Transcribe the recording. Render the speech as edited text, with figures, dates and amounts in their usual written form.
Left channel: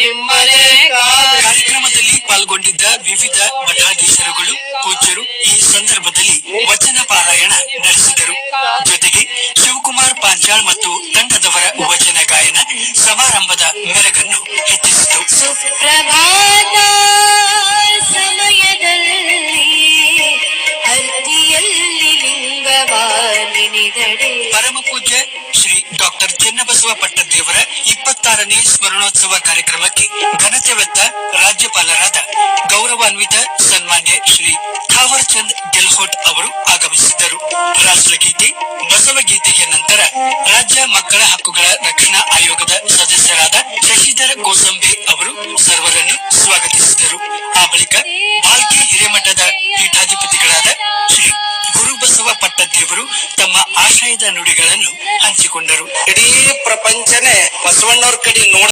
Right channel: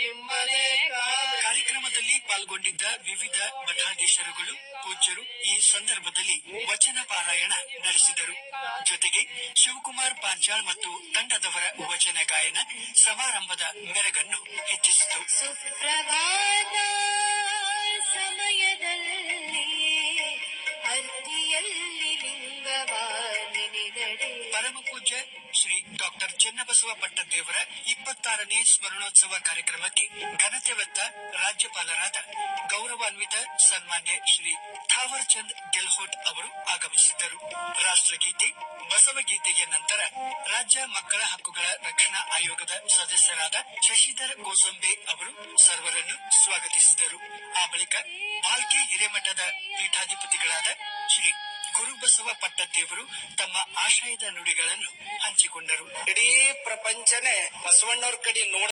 ನಿಮ್ಮನೆ ಕಾರ್ಯಕ್ರಮದಲ್ಲಿ ಪಾಲ್ಗೊಂಡಿದ್ದ ವಿವಿಧ ಮಠಾಧೀಶರುಗಳು ಪೂಜ್ಯರು ಈ ಸಂದರ್ಭದಲ್ಲಿ ವಚನ ಪಾರಾಯಣ ನಡೆಸಿದರು. ಜೊತೆಗೆ ಶಿವಕುಮಾರ್ ಪಾಂಚಾಳ್ ಮತ್ತು ತಂಡದವರ ವಚನ ಗಾಯನ ಸಮಾರಂಭದ ಮೆರಗನ್ನು ಹೆಚ್ಚಿಸಿತು. ಸುಪ್ರಭಾತ ಸಮಯದಲ್ಲಿ ಅರ್ತಿಯಲ್ಲಿ ಲಿಂಗವಾಲಿನಿದಡೆ ಪರಮ ಪೂಜ್ಯ ಶ್ರೀ ಡಾಕ್ಟರ್ ಚೆನ್ನಬಸವ ಪಟ್ಟದೇವರ 26ನೇ ಸ್ಮರಣೋತ್ಸವ ಕಾರ್ಯಕ್ರಮಕ್ಕೆ ಘನತೆ ಹೊತ್ತ ರಾಜ್ಯಪಾಲರಾದ ಗೌರವಾನ್ವಿತ ಸನ್ಮಾನ್ಯ ಶ್ರೀ ಥಾವರ್ ಚಂದ್ ಗೆಹ್ಲೋಟ್ ಅವರು ಆಗಮಿಸಿದ್ದರು. ರಾಷ್ಟ್ರಗೀತೆ, ಬಸವಗೀತೆಯ ನಂತರ ರಾಜ್ಯ ಮಕ್ಕಳ ಹಕ್ಕುಗಳ ರಕ್ಷಣಾ ಆಯೋಗದ ಸದಸ್ಯರಾದ ಶಶಿಧರ ಕೋಸಂಬೆ ಅವರು ಸರ್ವರನ್ನು ಸ್ವಾಗತಿಸಿದರು. ಆ ಬಳಿಕ ಬಾಲ್ಕಿ ಹಿರೇಮಠದ ಪೀಠಾಧಿಪತಿಗಳಾದ ಶ್ರೀ ಗುರುಬಸವ ಪಟ್ಟದೇವರು ತಮ್ಮ ಆಶಯದ ನುಡಿಗಳನ್ನು ಹಂಚಿಕೊಂಡರು. ಇಡೀ ಪ್ರಪಂಚನೇ ಬಸವಣ್ಣವ್ರ ಕಡೆ ನೋಡ